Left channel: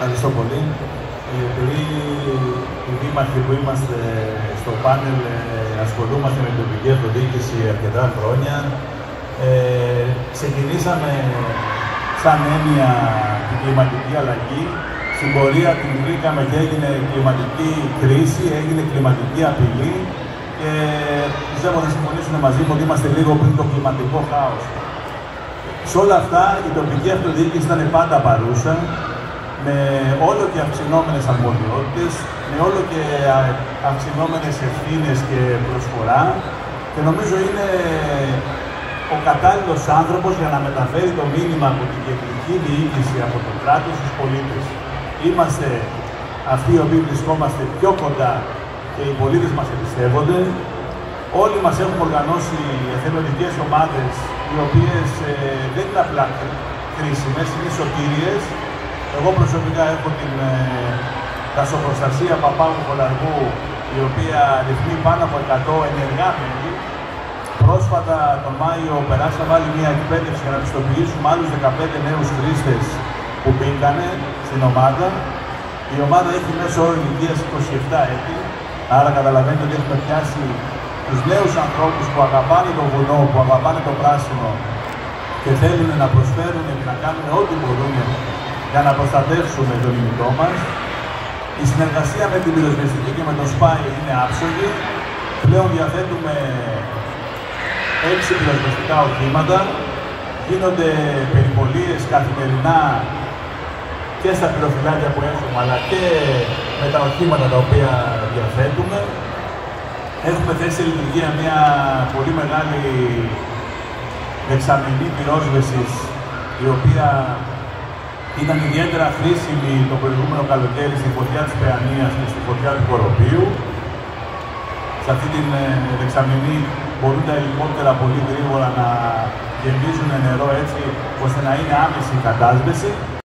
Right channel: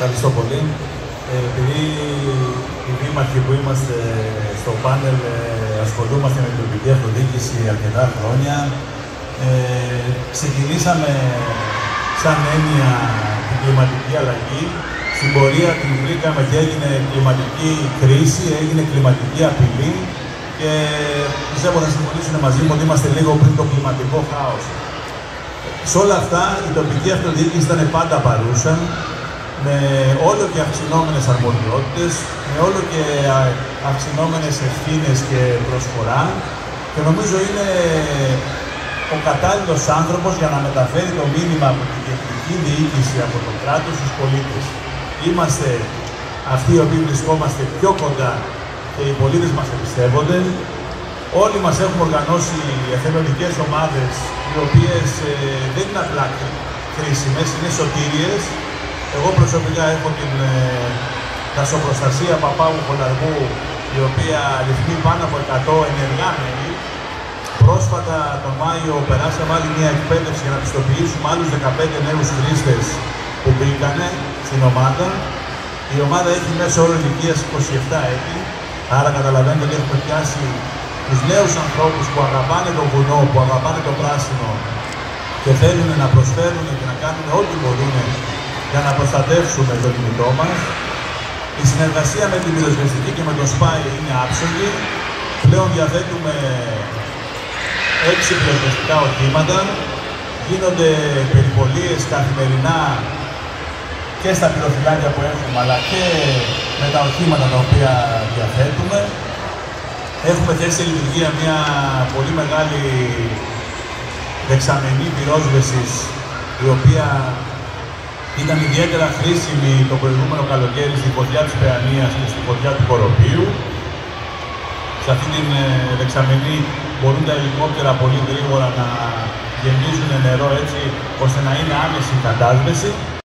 Ευχαριστώ πολύ. Επειδή οι δήμαρχοι που είμαστε στο πάνελ ασχολούμαστε με την τοπική αυτοδιοίκηση αρκετά χρόνια, ξεκινήσαμε σαν έννοια την κλιματική αλλαγή. Στην πορεία την βρήκαμε και έγινε κλιματική κρίση, έγινε κλιματική απειλή και πιστεύω θα συμφωνήσουν μαζί μου ότι είμαστε λίγο πριν το κλιματικό χάος. Σε όλα αυτά η τοπική αυτοδιοίκηση ήταν πάντα παρούσα, με όλο και αυξηνόμενες αρμοδιότητες, με όλο και αυξηνόμενες ευθύνες και προσφορά και νομίζω είναι ο κατάλληλος άνθρωπος για να μεταφέρει το μήνυμα από την κεντρική διοίκηση, από το κράτος στους πολίτες. Είμαστε αυτοί οι οποίοι βρισκόμαστε πιο κοντά και οι πολίτες μας εμπιστεύονται. Όλοι μας έχουμε οργανώσει εθελοντικές ομάδες, οι οποίες δεν είναι απλά κρίσιμες, είναι σωτήριες. Εγώ προσωπικά έχω την δασοπροστασία Παπάου Χολαργού, η οποία ρυθμεί πάνω από 100 ενεργά μέλη. Πρόσφατα τον Μάιο περάσαμε άλλη μια εκπαίδευση για να πιστοποιήσουμε άλλους 15 νέους χρήστες που μπήκανε στην ομάδα. Η ομάδα έχει μέσο όρο ηλικίας 27 έτη, άρα καταλαβαίνετε ότι έχουμε πιάσει τους νέους ανθρώπους που αγαπάνε το βουνό, που αγαπάνε το πράσινο και θέλουν να προσφέρουν και να κάνουν ό,τι μπορούν για να προστατεύσουμε τον ημιτό μας. Η συνεργασία με την πυροσβεστική και με το ΣΠΑΙ είναι άψογη. Πλέον διαθέτουμε 6 πυροσβεστικά οχήματα. Γίνονται περιπολίες καθημερινά και στα πυροφυλάκια που έχουμε, αλλά και με τα οχήματα τα οποία διαθέτουμε. Έχουμε θέσει σε λειτουργία μια πολύ μεγάλη δεξαμενή πυρόσβεσης, η οποία ήταν ιδιαίτερα χρήσιμη το προηγούμενο καλοκαίρι στη φωτιά της Περανίας και στη φωτιά του Κοροπίου. Σε αυτή την δεξαμενή μπορούν τα ελικόπτερα πολύ γρήγορα να γεμίζουν νερό έτσι ώστε να είναι άμεση η κατάσβεση.